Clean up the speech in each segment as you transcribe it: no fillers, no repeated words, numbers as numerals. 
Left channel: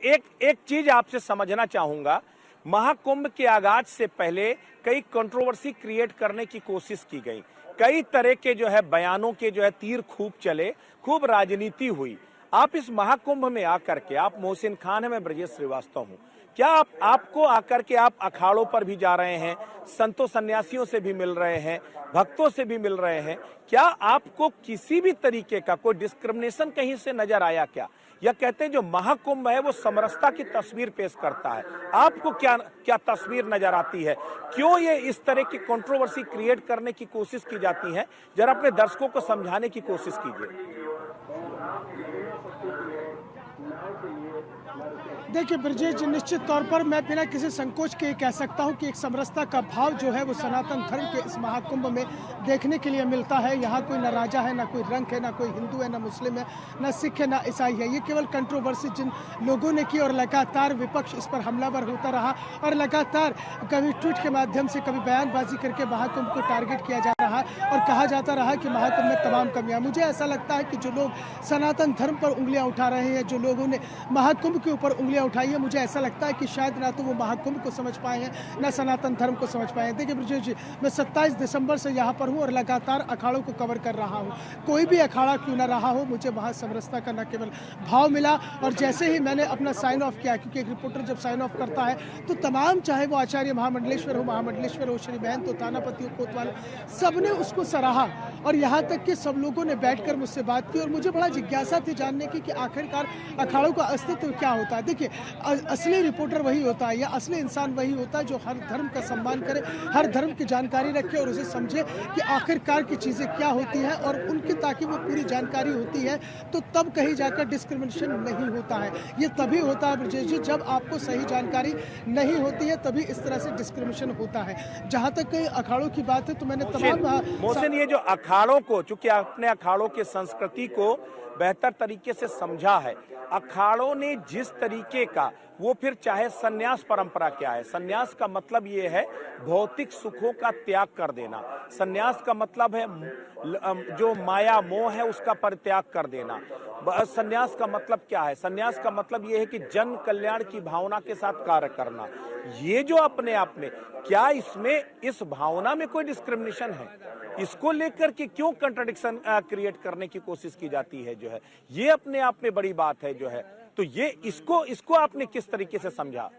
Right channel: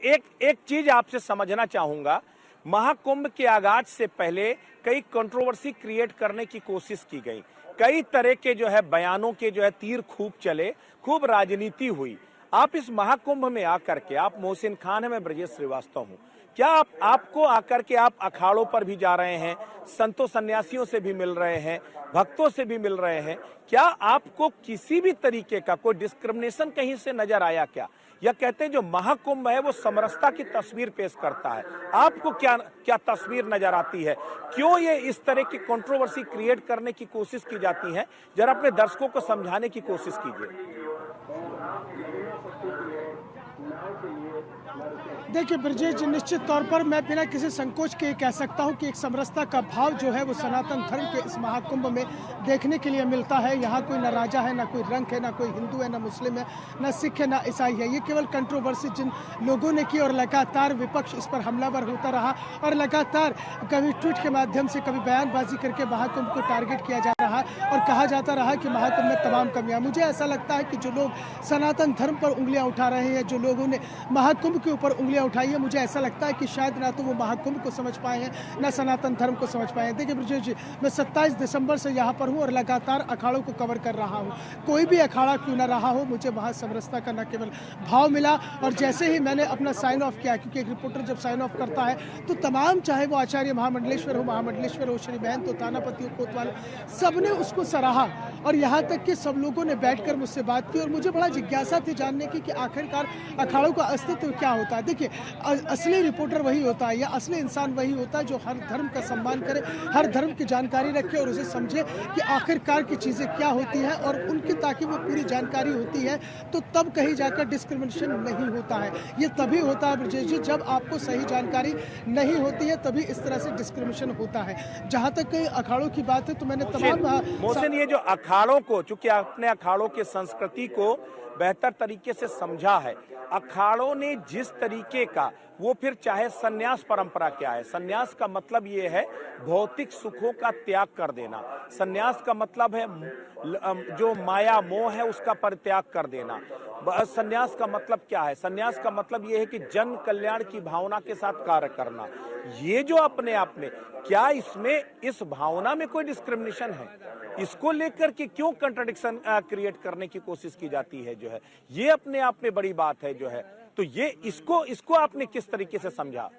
एक एक चीज आपसे समझना चाहूंगा। महाकुंभ के आगाज से पहले कई कंट्रोवर्सी क्रिएट करने की कोशिश की गई। कई तरह के बयानों के तीर खूब चले, खूब राजनीति हुई। आप इस महाकुंभ में आकर के, आप मोहसिन खान है, मैं ब्रजेश श्रीवास्तव हूं, क्या आपको आकर के आप अखाड़ों पर भी जा रहे हैं, संतों सन्यासियों से भी मिल रहे हैं, भक्तों से भी मिल रहे हैं, क्या आपको किसी भी तरीके का कोई डिस्क्रिमिनेशन कहीं से नजर आया क्या? या कहते हैं जो महाकुंभ है वो समरसता की तस्वीर पेश करता है, आपको क्या क्या तस्वीर नजर आती है? क्यों ये इस तरह की कंट्रोवर्सी क्रिएट करने की कोशिश की जाती है? जरा अपने दर्शकों को समझाने की कोशिश कीजिए। देखिए ब्रजेश जी, निश्चित तौर पर मैं बिना किसी संकोच के कह सकता हूं कि एक समरसता का भाव जो है वो सनातन धर्म के इस महाकुंभ में देखने के लिए मिलता है। यहाँ कोई ना राजा है, ना कोई रंग है, ना कोई हिंदू है, ना मुस्लिम है, ना सिख है, ना ईसाई है। ये केवल कंट्रोवर्सी जिन लोगों ने की और लगातार विपक्ष इस पर हमलावर होता रहा और लगातार कभी ट्वीट के माध्यम से, कभी बयानबाजी करके महाकुंभ को टारगेट किया जा रहा और कहा जाता रहा कि महाकुंभ में तमाम कमियां। मुझे ऐसा लगता है कि जो लोग सनातन धर्म पर उंगलियां उठा रहे हैं, जो लोगों ने महाकुंभ के ऊपर उंगलियां उठाई है, मुझे ऐसा लगता है कि शायद ना तो वो महाकुंभ को समझ पाए हैं, ना सनातन धर्म को समझ पाए हैं। देखिए ब्रजेश जी, मैं 27 दिसंबर से यहाँ पर हूँ और लगातार अखाड़ों को कवर कर रहा हूँ। कोई भी अखाड़ा क्यों ना रहा हो, मुझे वहाँ समरसता का न केवल भाव मिला, और जैसे ही मैंने अपना साइन ऑफ किया, क्योंकि एक रिपोर्टर जब साइन ऑफ करता है तो तमाम, चाहे वो आचार्य महामंडलेश्वर हो, श्री बहन तो थानापति हो, कोतवाल, सबने उसको सराहा। और यहाँ तक कि सब लोगों ने बैठकर मुझसे बात की और मुझे बड़ा जिज्ञासा थी जानने की कि आखिरकार अखाड़ों का अस्तित्व क्या होता है। देखिए, असली रिपोर्टर वही होता है या असली इंसान वही होता है जो हर धर्म का सम्मान करे, हर धर्म की जानकारी रखे और उसे समझे कि आखिरकार की चीज़ें क्या होती हैं, और उनकी ताकि वो पूरी जानकारी होती है तो तब कहीं जाकर डिस्क्रिमिनेशन नहीं होता है। ये तभी होता है ब्रजेश जी, जब आपको सही जानकारी नहीं होती है, तभी इस तरह से डिस्क्रिमिनेशन होता है। जहाँ तक कई अखाड़ों की बात है तो मैंने तमाम मोहसिन, ये जो अखाड़ों को, चूंकि आपने अखाड़ों के संस्कृति को बेहतर तरीके से समझा है, अखाड़ों ने जिस तरीके का, वो फिर चाहे सन्यास परंपरा क्या है, सन्यास का मतलब ये है भौतिक सुखों का त्याग कर देना। सन्यास का मतलब है जो माया मोह है उसका परित्याग कर देना। सन्यास का मतलब क्या है? सन्यास का मतलब ये है कि जन कल्याण की भावना के साथ कार्य करना। ये जो अपने आप में, क्या इसमें, इस भावना में कोई डिस्क्रिमिनेशन है? इसको लेकर के क्यों कंट्रडिक्शन क्रिएट करने की कोशिश की जाती है? ये अपने आप में बड़ी बात है तो ये इसको आपने किस तरीके से समझा?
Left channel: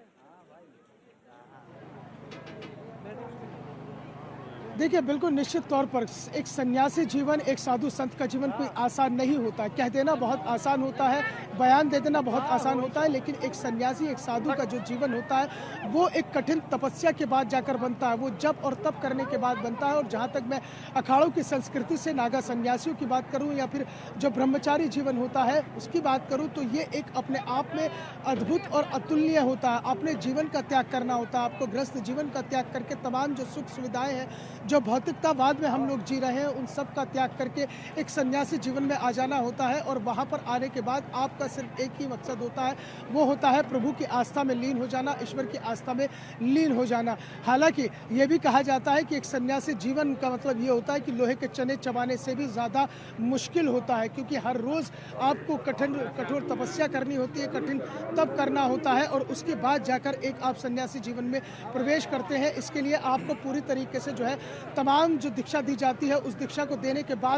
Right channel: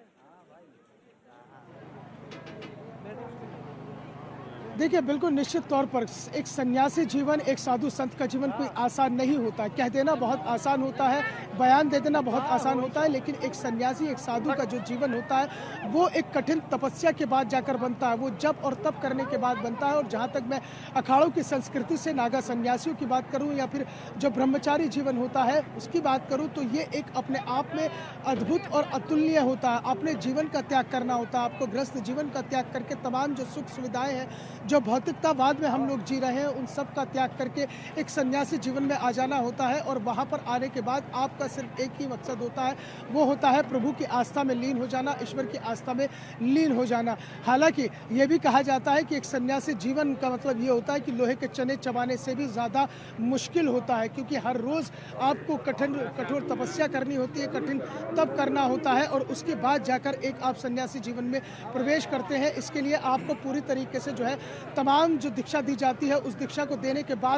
देखिए, बिल्कुल निश्चित तौर पर एक सन्यासी जीवन, एक साधु संत का जीवन कोई आसान नहीं होता है। कह देना बहुत आसान होता है, बयान दे देना बहुत आसान होता है, लेकिन एक सन्यासी, एक साधु का जो जीवन होता है वो एक कठिन तपस्या के बाद जाकर बनता है, वो जप और तप करने के बाद बनता है। और जहाँ तक मैं अखाड़ों की संस्कृति से नागा सन्यासियों की बात करूँ या फिर जो ब्रह्मचारी जीवन होता है उसकी बात करूँ, तो ये एक अपने आप में अद्भुत और अतुलनीय होता है। अपने जीवन का त्याग करना होता है, आपको गृहस्थ जीवन का त्याग करके तमाम जो सुख सुविधाएं हैं, जो भौतिकतावाद में हम लोग जी रहे हैं, उन सब का त्याग करके एक सन्यासी जीवन में आ जाना होता है। और वहाँ पर आने के बाद आपका सिर्फ एक ही मकसद होता है, वो होता है प्रभु की आस्था में लीन हो जाना, ईश्वर की आस्था में लीन हो जाना। हालांकि ये भी कहा जाता है कि एक सन्यासी जीवन का मतलब ये होता है कि लोहे के चने चबाने से भी ज़्यादा मुश्किल होता है, क्योंकि हर रोज़ आपको कठोर तपस्या करनी होती है, कठिन तप करना होता है, और उसके बाद जाकर एक आप सन्यासी जीवन में प्रवेश करते हैं। इसके लिए आपको पूरी तरीके से जो है तमाम जो दीक्षा दी जाती है, उस दीक्षा को देने के बाद